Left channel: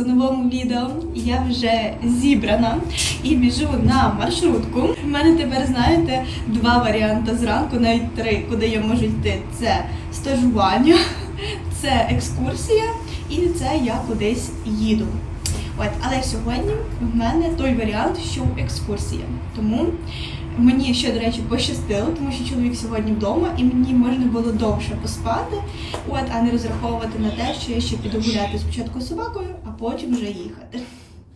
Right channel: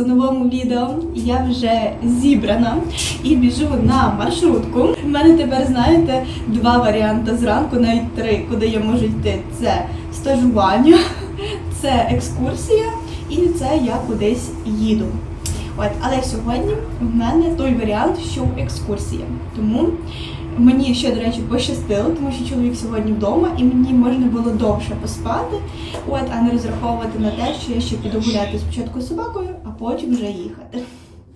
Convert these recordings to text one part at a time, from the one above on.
у новому відео. Я вже зібрана і біжу на маршрутку. У мене тепер, знаєте, два варіанти зранку, навіть три, куди я можу йти. Це стажування, це екскурсія і це я кудись їду. От, але сьогодні в мене той варіант, що екскурсія. Тому мені ще, до речі, пощастило, тому що чоловік сьогодні вдома, і мені можна було довше поспати, от, а не розраховувати на те, що я ще піду гуляти спочатку з собакою, а потім вже їхати.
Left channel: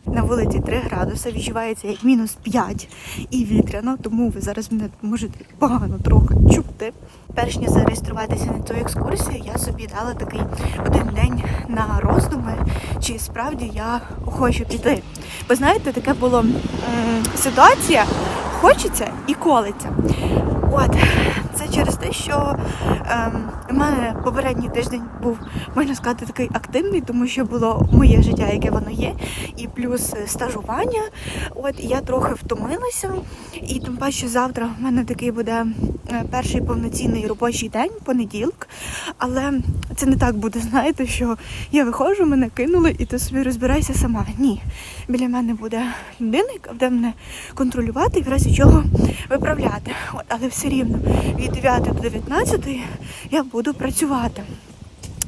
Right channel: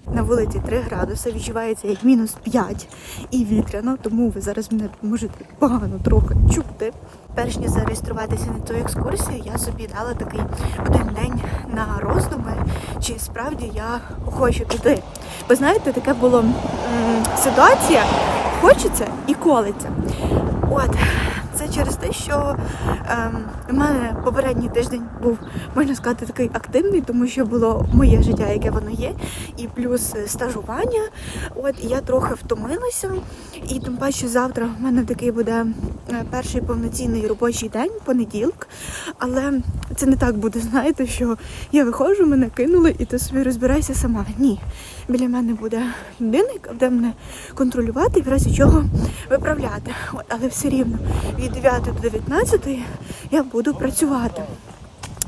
На вулиці 3 градуси відчувається як мінус 5 і вітряно, тому ви зараз мене можете погано трохи чути. Перш ніж зареєструватися на цю екскурсію, я собі дала такий один день на роздуми, чи справді я хочу піти. Бо знаєте, таке було ситуація, хочеться і колиться. От, це через те, що ем, у мене попередній тиждень був, можна сказати, такий активний, тому що було моє життя, яке воно є, і плюс стажування. От я трохи втомилася. І тим паче завтра в мене такий буде е, перший повноцінний робочий день, понеділок. Але це не так буде, знаєте, що я виходжу, мене кинули, і ти собі розбирайся сама. Ні. Біля мене буде людина, яка буде мене контролювати і в разі чого виправляти. От, але все рівно від 9 до 19 я буду працювати.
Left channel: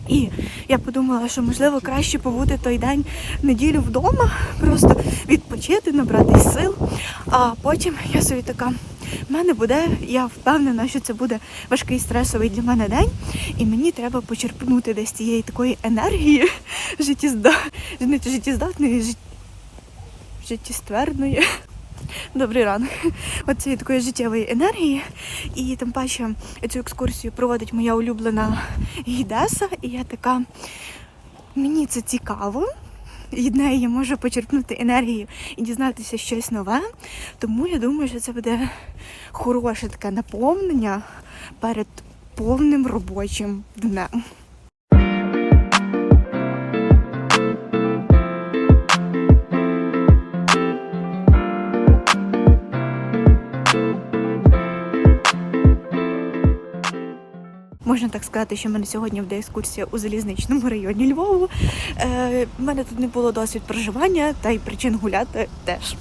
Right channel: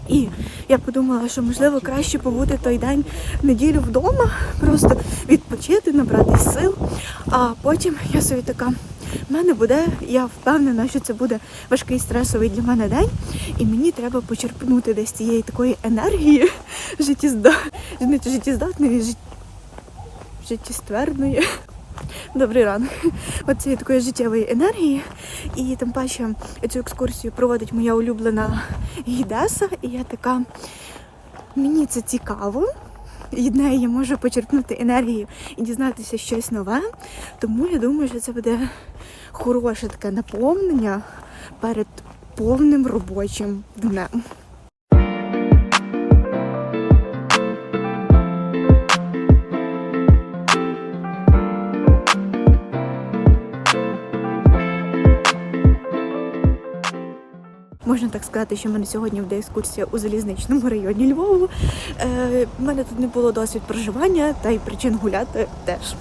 І я подумала, що можливо краще побути той день неділю вдома, просто відпочити, набрати сил. А потім я собі така. В мене буде, я впевнена, що це буде важкий стресовий для мене день, і мені треба почерпнути десь цієї такої енергії життєзда... життєздатної, життєстверної. Добрий ранок. От цієї такої життєвої енергії. І тим паче цю екскурсію проводить моя улюблена гідеса. І я така, мені це цікаво. Від неї я можу почерпнути енергію і дізнатися щось нове. Тому я думаю, що це буде хороше таке наповнення перед повним робочим днем. Можна так сказати, що в мене сьогодні буде екскурсія у залізничному районі Львову. У мене тут не було досвід проживання, та й причин гуляти теж.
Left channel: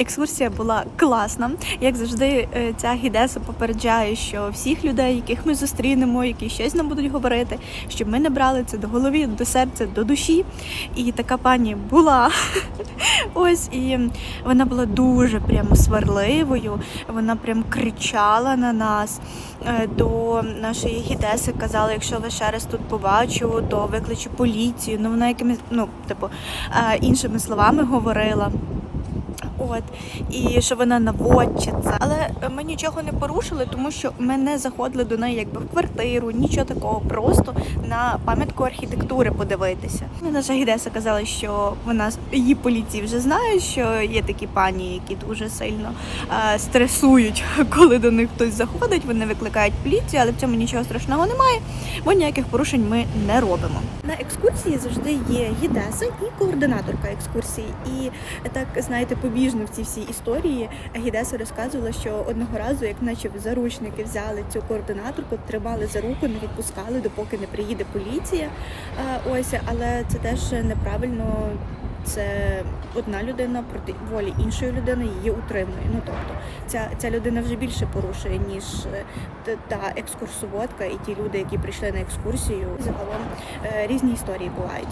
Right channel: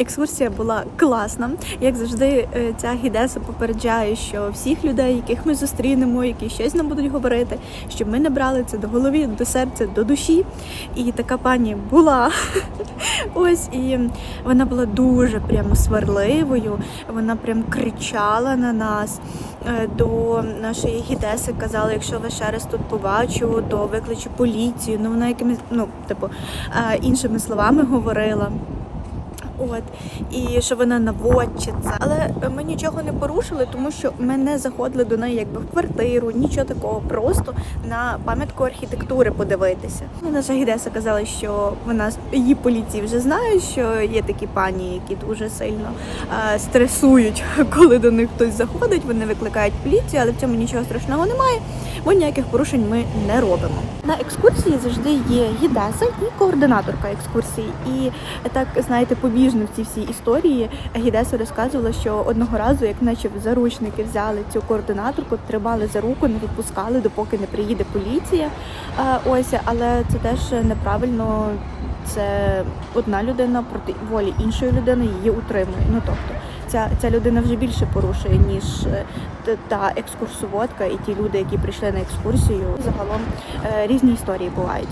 Екскурсія була класна. Як завжди, е, ця гідеса попереджає, що всіх людей, яких ми зустрінемо, які щось нам будуть говорити, щоб ми не брали це до голові, до серця, до душі. І така пані була. Ось і вона була дуже прямо сварливою. Вона прям кричала на нас. Е, До нашої гідеси казала, якщо вас ще раз тут побачу, то викличу поліцію. Ну вона якимись, ну, типу, е, іншими словами говорила. От і що вона наводчиця. Але ми нічого не порушили, тому що ми не заходили до неї якби в квартиру, нічого такого, просто на пам'ятку архітектури подивитися. Ну, Наша гідеса казала, що вона її поліції вже знає, що є такі пані, які дуже сильно е, стресують, коли до них хтось заходить. Вони викликають поліцію, але в цьому нічого страшного немає, бо ніяких порушень ми не робимо. На екскурсії завжди є гідеса і координаторка екскурсії. І так знаєте, побіжно в цій всій історії гідеса розказувала, що одного разу, як наче заручники взяли цю координаторку, тримали за руку, не відпускали, допоки не приїде поліція. Ось, але це теж неправильно. Це одна людина проти волі іншої людини її утримує. Ну тобто, ця, ця людина вже більше порушує ніж та екскурсоводка і ті люди, які прийшли на екскурсію. Загалом е, різні історії бувають.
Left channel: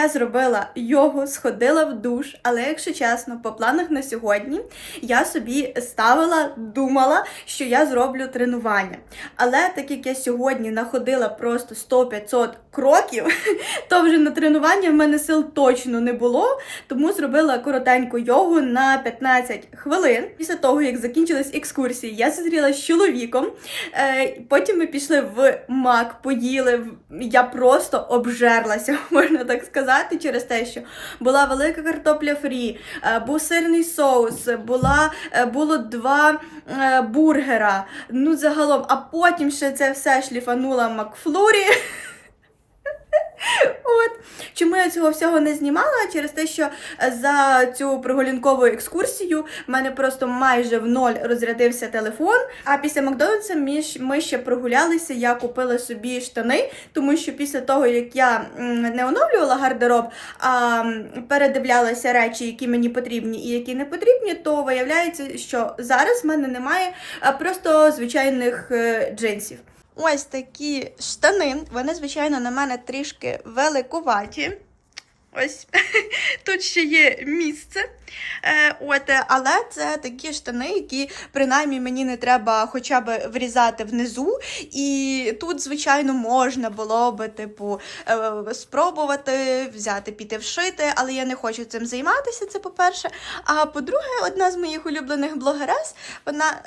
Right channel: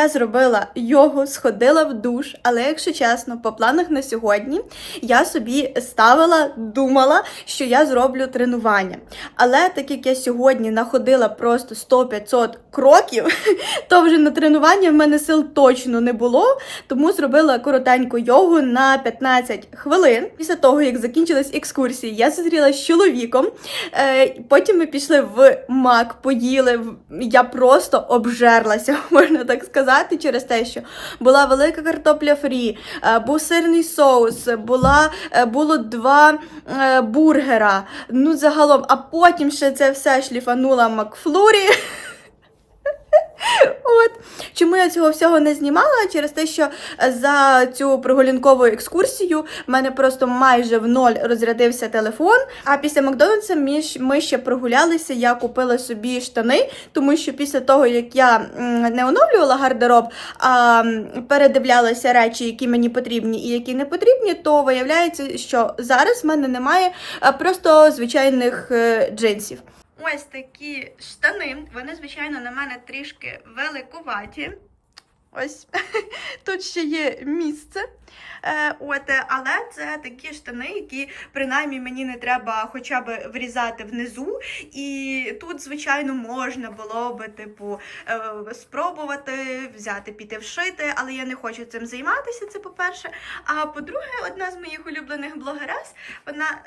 Я зробила йогу, сходила в душ, але якщо чесно, по планах на сьогодні я собі ставила, думала, що я зроблю тренування. Але так як я сьогодні находила просто 100-500 кроків, то вже на тренування в мене сил точно не було, тому зробила коротеньку йогу на 15 хвилин. Після того, як закінчилась екскурсія, я зустрілася з чоловіком. Е, потім ми пішли в мак, поїли. Я просто обжерлася, можна так сказати, через те, що була велика картопля фрі, е, був сирний соус, була, е, було два е, бургера. Ну, загалом, а потім ще це все шліфанула Макфлурі. От чому я цього всього не знімала? Через те, що за цю прогулянкову екскурсію в мене просто майже в ноль розрядився телефон. А після Макдональдса ми, ще прогулялися. Я купила собі штани, тому що після того, як я не оновлювала гардероб, а передивлялася речі, які мені потрібні і які не потрібні, то виявляється, що зараз в мене немає просто звичайних е, джинсів. Ось такі штани. Вони, звичайно, на мене трішки великуваті. Ось тут ще є місце. Е, от, е, але це такі штани, які принаймні мені не треба хоча б врізати внизу. І тут, звичайно, можна було би, типу, е, спробувати взяти, піти вшити, але я не хочу цим займатися. Це по-перше. А по-друге, одна з моїх улюблених блогерес, вона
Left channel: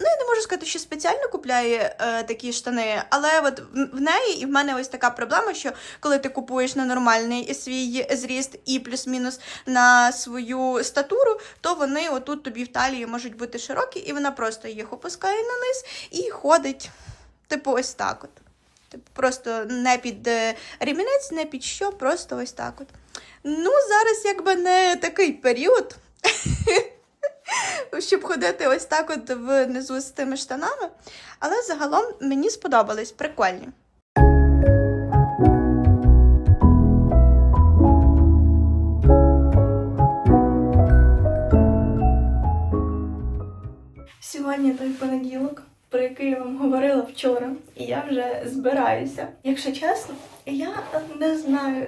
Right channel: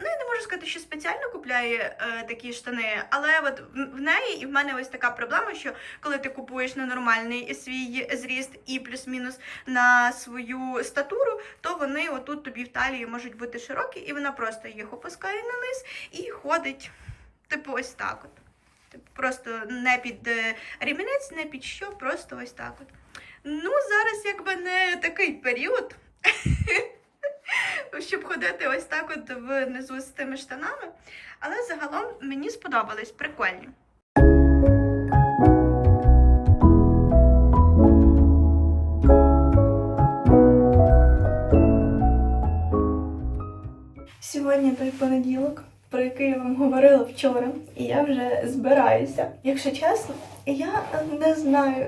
ну я не можу сказати, що спеціально купляє такі штани, але от в неї і в мене ось така проблема, що коли ти купуєш на нормальний свій зріст і плюс-мінус на свою статуру, то вони отут тобі в талії можуть бути широкі, і вона просто їх опускає на низ і ходить, типу, ось так от. Типу, просто не під е, ремінець, не під що, просто ось так от. Ну, зараз якби не такий період, щоб ходити ось так от внизу з тими штанами. Але загалом мені сподобались, прикольні. Сьогодні той понеділок, про який я вам говорила вчора, і я вже збираюся. Якщо чесно, я не знаю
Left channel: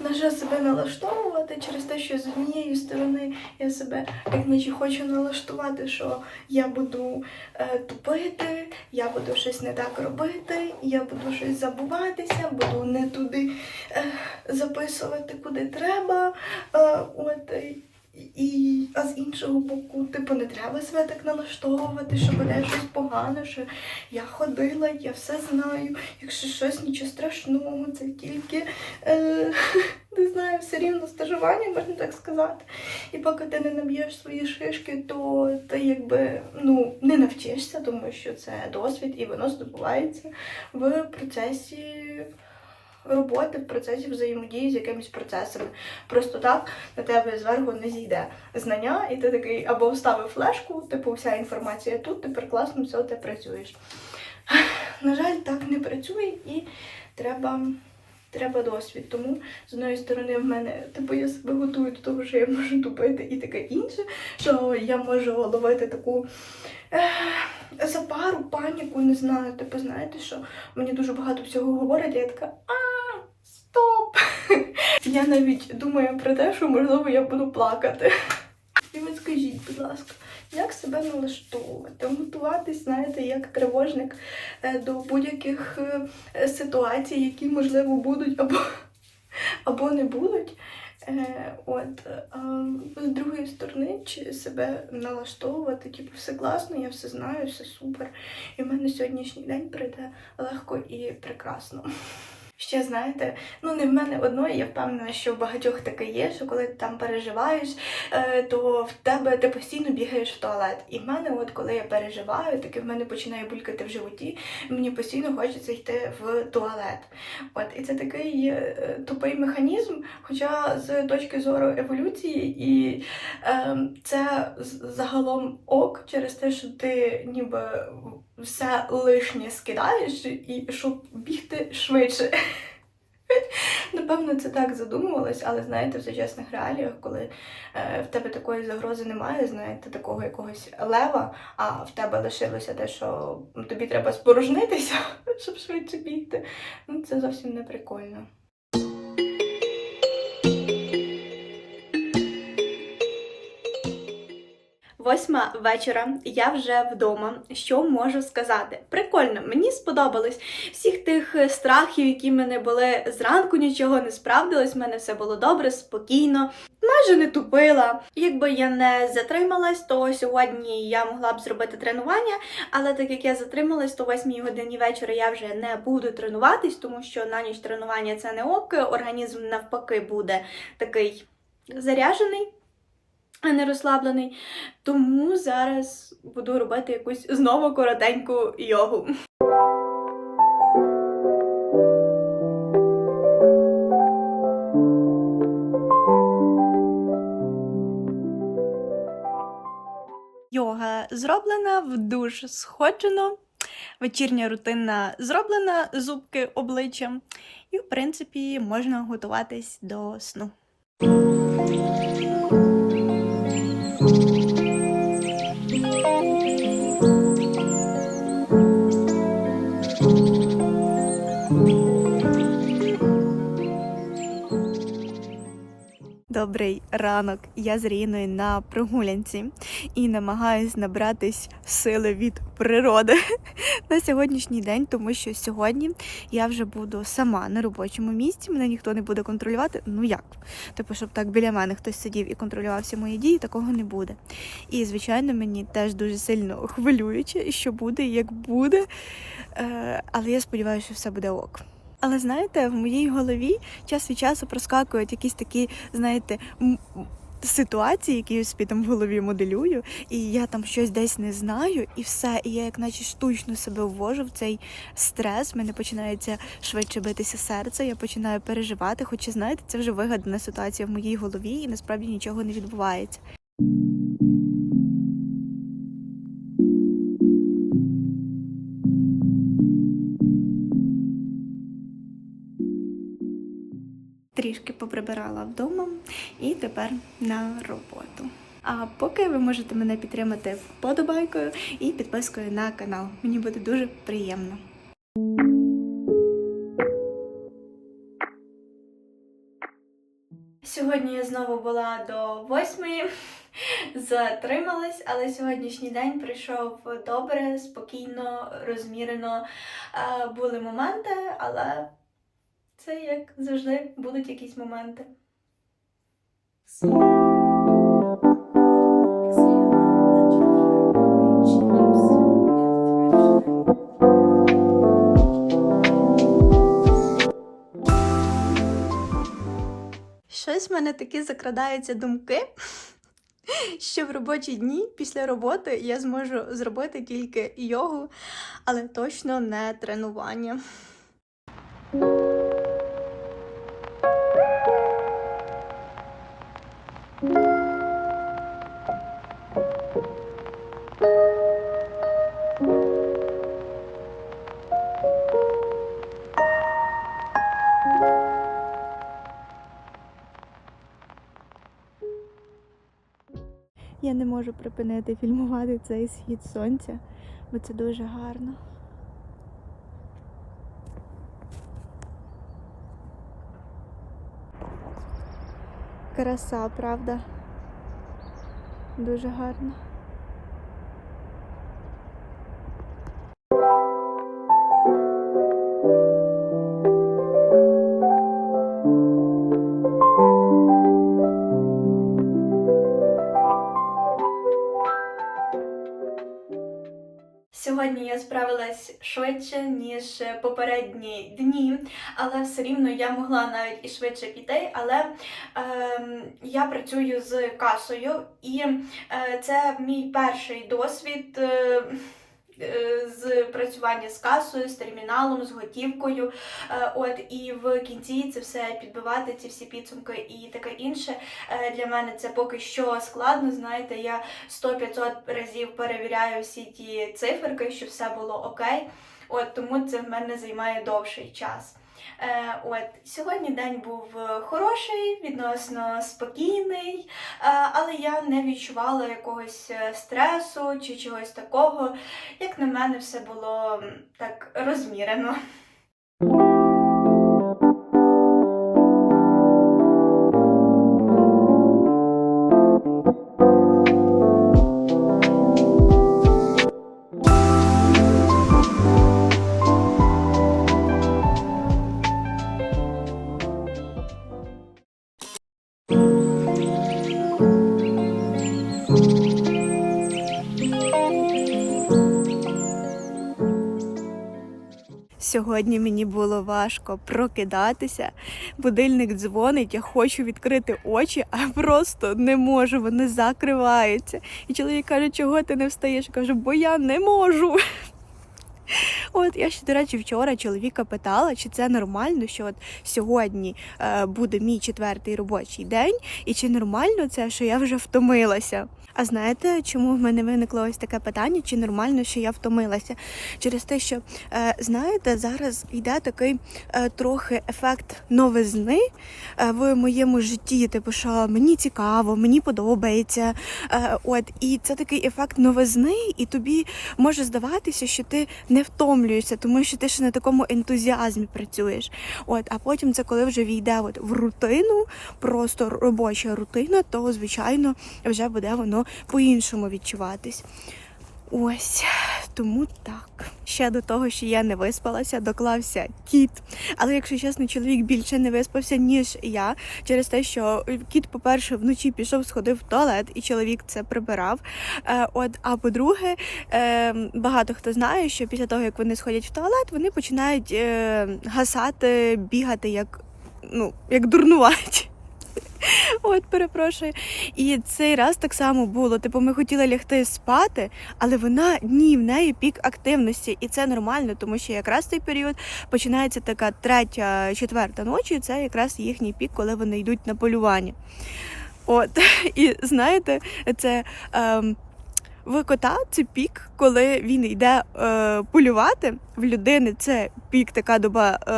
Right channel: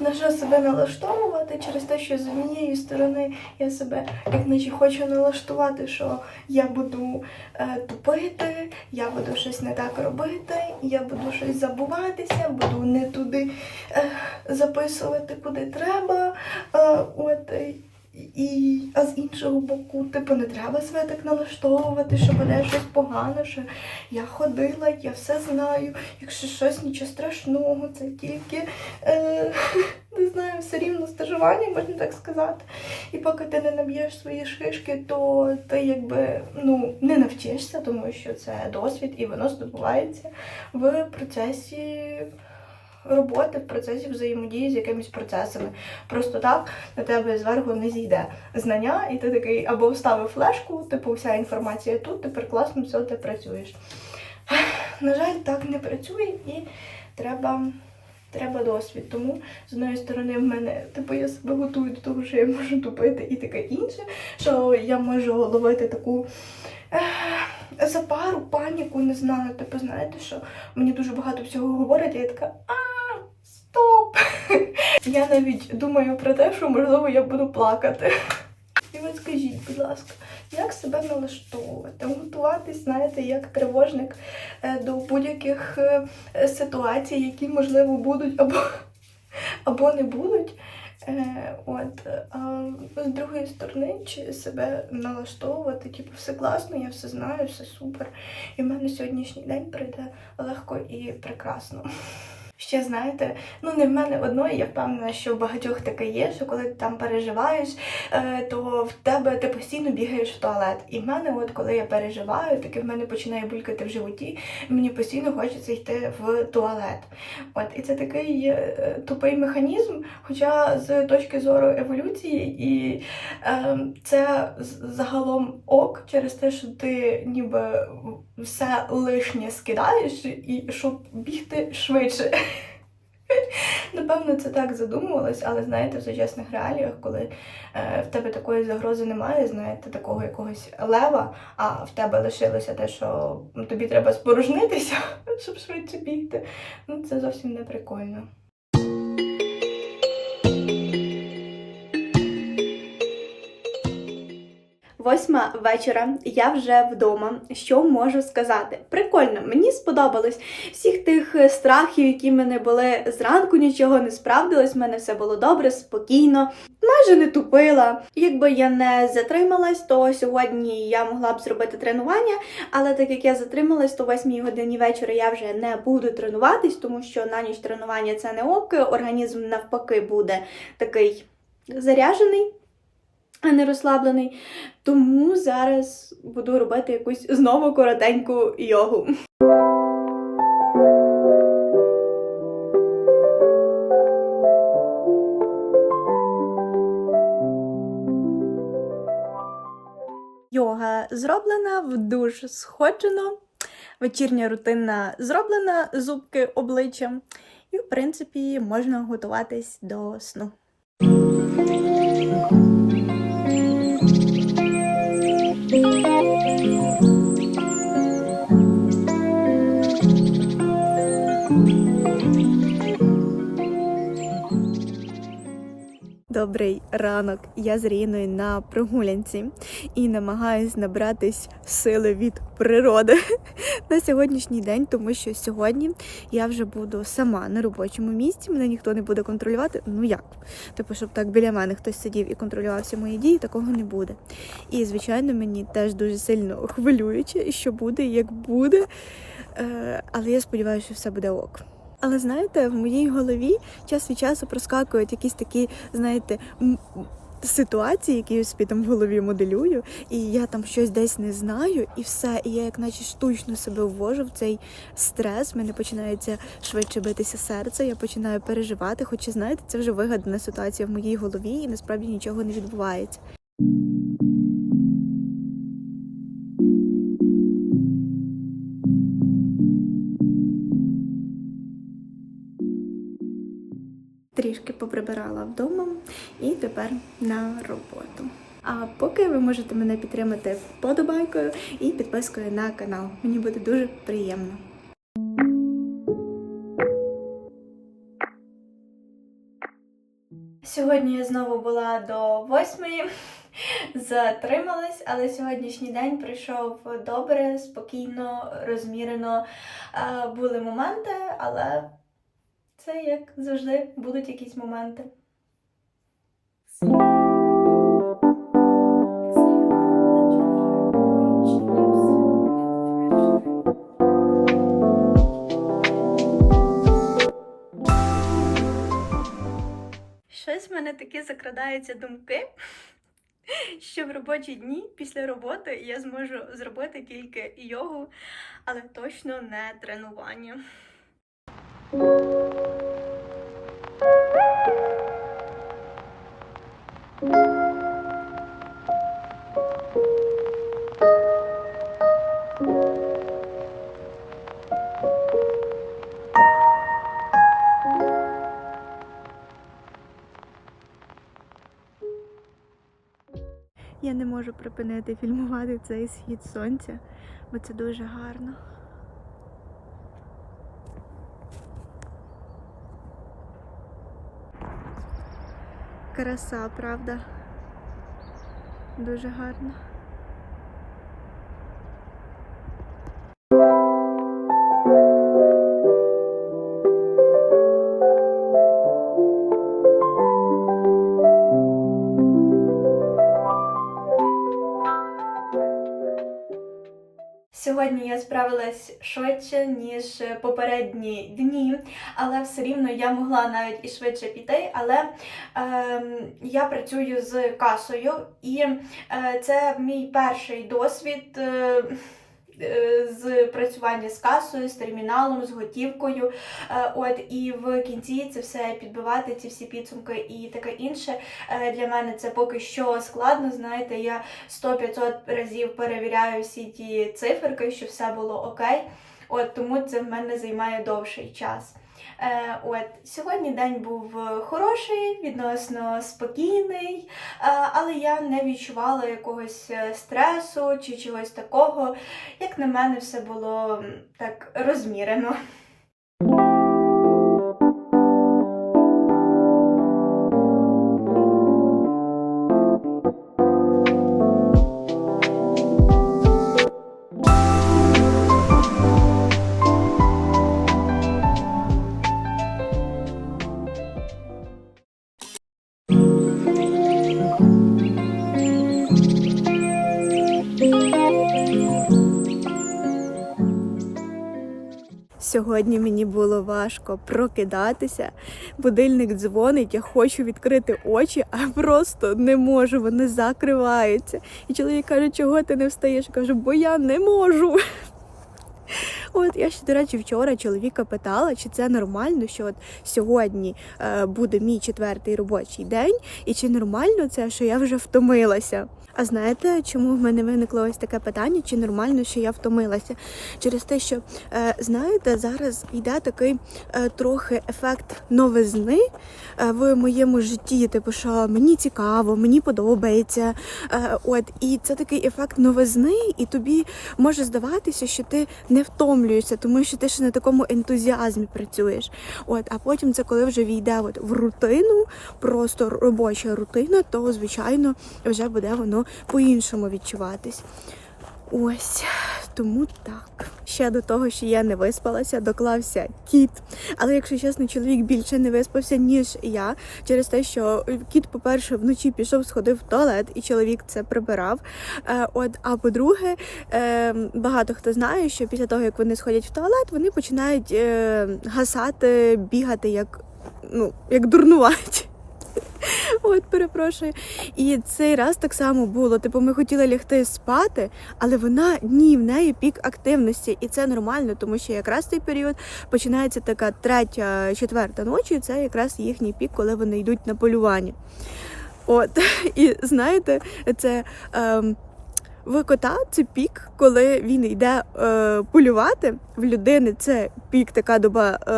на що себе налаштовувати через те, що з однієї сторони я себе як наче хочу налаштувати, що я буду е, тупити, я буду щось не так робити, я буду щось забуватися, буду не туди е, записувати, куди треба. Е, от, і, а з іншого боку, типу, не треба себе так налаштовувати, що мене щось погано, що я ходила, я все знаю. Якщо щось нічого страшного, це тільки е, не знаю, все рівно стажування, можна так сказати. І поки ти не наб'єш свої шишки, то ти якби ну не навчишся, тому що це досвід і воно здобувається в процесі. Роботи в процесі взаємодії з якимись процесами. Просто так на тебе зверху не зійде знання, і ти такий або вставив флешку, типу вся інформація тут, тепер класно, все, ти працюєш. На жаль, так не працює і треба, треба досвід. Тому з одної сторони в мене, типу, я себе готую до того, що я можу тупити і таке інше, що я можу ловити таку. Запару, паніку, не знаю, типу, знаєте, що мені дуже багато всього говорять, я така, а. Я навіть думаю про те, що можливо я буду плакати. І от скажіть, будь ласка, як себе налаштовувати, готуватись, знаєте, як тривожник е, до будь-яких е, ситуацій, які можливо будуть або, або не будуть. Е, От, а з другої сторони, чи себе налаштовувати, типу, все класно, я все знаю, все супер. І в мене сьогоднішній день прийде легко і прекрасно. Ще знаєте, ну не в мене одної, я впевнена, що в багатьох таке є, що коли ти там переживаєш, е, то в тебе ти постійно бігаєш в туалет. І в мене, от коли я переживаю, таке в мене починає булькати в животі, і мені постійно хочеться йти в туалет. От і це такий е, тупий механізм, хоча з точки зору еволюції, і е, це загалом ок через те, що ти ніби все лишнє скидаєш, і щоб бігти швидше. Напевно, це так задумувалось, але знаєте, в сучасних реаліях, коли е, в тебе такої загрози немає, знаєте, такого якогось лева, а в тебе лишилося те, що тобі треба спорожнитися, щоб швидше бігти. Ну, це зовсім не прикольно. Восьма вечора, я вже вдома. Що можу сказати? Прикольно, мені сподобалось всіх тих е, страхів, які в мене були зранку, нічого не справдилось. в мене все було добре, спокійно, майже не тупила. Якби я не затрималась, то сьогодні я могла б зробити тренування. Але так як я затрималась, то 8 годині вечора я вже не буду тренуватись, тому що на ніч тренування це не ок. Організм навпаки буде такий заряжений, а не розслаблений. Тому зараз буду робити якусь знову коротеньку йогу. Йога зроблена, в душ сходжено, вечірня рутина зроблена, зубки обличчя, і, в принципі, можна готуватись до сну. Добрий ранок. Я з Ріною на прогулянці і намагаюсь набратись сили від природи на сьогоднішній день, тому що сьогодні я вже буду сама на робочому місці, мене ніхто не буде контролювати. Ну як? Типу, щоб так біля мене хтось сидів і контролював всі мої дії, такого не буде. І, звичайно, мені теж дуже сильно хвилююче, що буде, як буде. Е, але я сподіваюся, що все буде ок. Але знаєте, в моїй голові час від часу проскакують якісь такі, знаєте, м- ситуації, які я собі там в голові моделюю, і я там щось десь не знаю, і все. І я як наче штучно себе ввожу в цей стрес. в Мене починається швидше битися серце, я починаю переживати. Хоча, знаєте, це вже вигадана ситуація в моїй голові, і насправді нічого не відбувається. Трішки поприбирала вдома і тепер на роботу. А поки ви можете мене підтримати вподобайкою і підпискою на канал. Мені буде дуже приємно. Сьогодні я знову була до восьмої, затрималась, але сьогоднішній день пройшов добре, спокійно, розмірено. Були моменти, але це як завжди будуть якісь моменти. Щось в мене такі закрадаються думки, що в робочі дні після роботи я зможу зробити тільки йогу, але точно не тренування. Я не можу припинити фільмувати цей схід сонця, бо це дуже гарно. Краса, правда? Дуже гарно. Сьогодні я справилась швидше, ніж попередні дні, але все рівно я могла навіть і швидше піти. Але ем, я працюю з касою, і е, це мій перший досвід. Е, е, з працювання з касою, з терміналом, з готівкою. Е, От і в кінці це все підбивати, ці всі підсумки і таке інше. Е, Для мене це поки що складно. Знаєте, я 100-500 разів перевіряю всі ті циферки, щоб все було окей. От тому це в мене займає довший час. Е, от сьогодні день був е, хороший, відносно спокійний, е, але я не відчувала якогось е, стресу чи чогось такого. Як на мене, все було так розмірено. Сьогодні мені було важко прокидатися. Будильник дзвонить, я хочу відкрити очі, а просто не можу, вони закриваються. І чоловік каже, чого ти не встаєш? Я кажу, бо я не можу. От я ще, до речі, вчора чоловіка питала, чи це нормально, що от сьогодні е, буде мій четвертий робочий день, і чи нормально це, що я вже втомилася. А знаєте, чому в мене виникло ось таке питання? Чи нормально, що я втомилася? Через те, що е, знаєте, зараз йде такий е, трохи ефект новизни е, в моєму житті. Типу, що мені цікаво, мені подобається. От і це такий ефект новизни, і тобі може здаватися, що ти не втомлюєшся, тому що ти ще на такому ентузіазмі працюєш. От, а потім це коли вже війде от в рутину, просто робоча рутина, то звичайно вже буде воно по-іншому відчуватись. Ось тому так. Ще до того, що я не виспалася, доклався кіт. Але якщо чесно, чоловік більше не виспався, ніж я, через те, що кіт, по-перше, вночі пішов, сходив в туалет, і чоловік це прибирав. Е, от, а по-друге, е, багато хто знає, що після того, як вони сходять в туалет, вони починають е, гасати, бігати як, ну, як дурнуваті. От, перепрошую. І цей раз так само було. Типу, ми хотіли лягти спати, але вона ні, в неї пік активності, і це нормально, тому що якраз цей період починається така третя, четверта ночі. Це якраз їхній пік, коли вони йдуть на полювання. От, і знаєте, це. Ем, в кота це пік, коли він йде е, полювати. В людини це пік, така доба, е,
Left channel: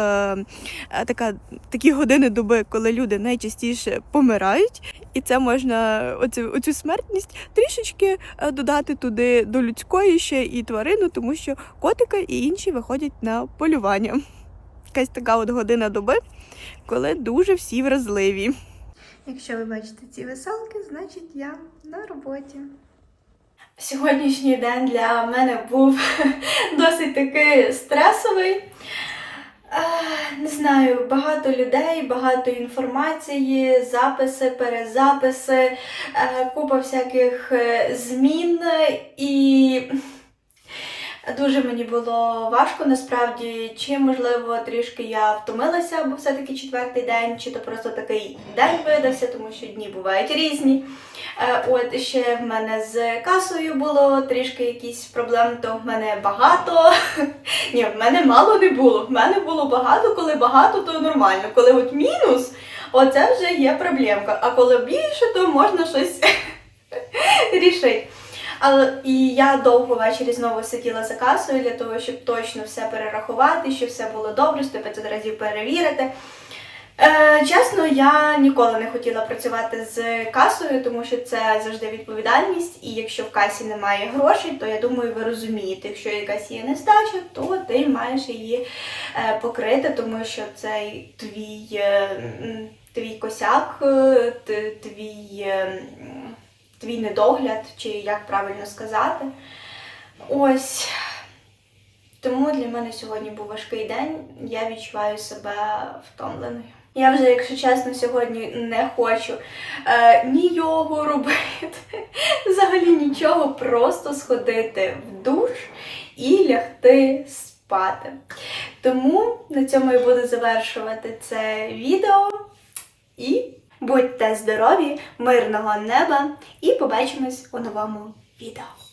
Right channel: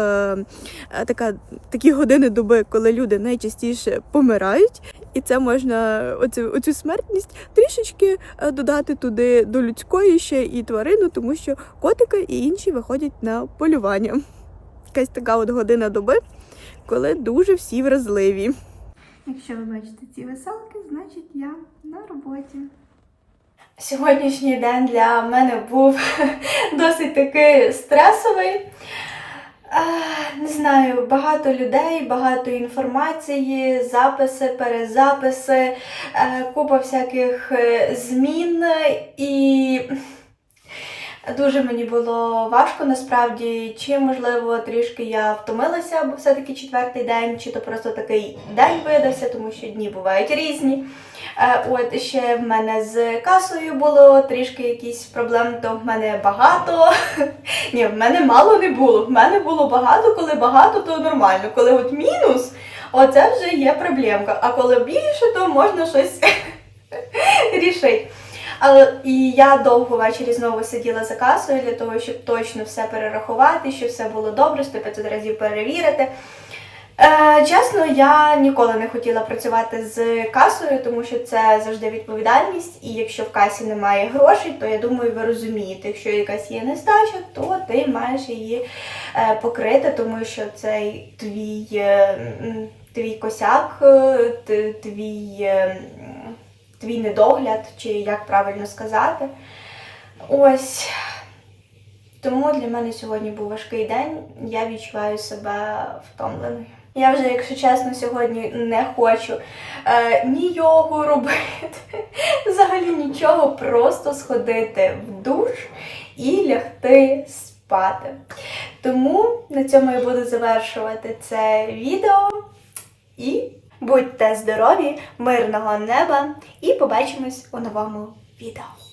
е, така, такі години доби, коли люди найчастіше помирають. І це можна оцю, оцю смертність трішечки е, додати туди до людської ще і тварину, тому що котики і інші виходять на полювання. Якась така от година доби, коли дуже всі вразливі. Якщо ви бачите ці веселки, значить я на роботі. Сьогоднішній день для мене був досить таки стресовий. Не знаю, багато людей, багато інформації, записи, перезаписи, е, купа всяких е, змін і. Дуже мені було важко насправді, чи можливо трішки я втомилася, бо все-таки четвертий день, чи то просто такий день видався, тому що дні бувають різні. Е, От ще в мене з касою було трішки якісь проблеми, то в мене багато. Ні, в мене мало не було. В мене було багато, коли багато, то нормально. Коли от мінус, оце вже є проблемка. А коли більше, то можна щось рішити. Але і я довго ввечері знову сиділа за касою для того, щоб точно все перерахувати, щоб все було добре, 100-500 разів перевірити. Е, чесно, я ніколи не хотіла працювати з касою, тому що це завжди відповідальність. І якщо в касі немає грошей, то я думаю, ви розумієте, якщо якась є нестача, то ти маєш її е, покрити, тому що цей твій. е, твій косяк, е, твій, твій недогляд, чи як правильно сказати. Ось. Тому для мене сьогодні був важкий день. Я відчуваю себе втомленою. Я вже, якщо чесно, сьогодні не хочу е, ні йогу робити, взагалі нічого, просто сходити в душ і лягти спати. Тому на цьому я буду завершувати це відео. І будьте здорові, мирного неба, і побачимось у новому відео.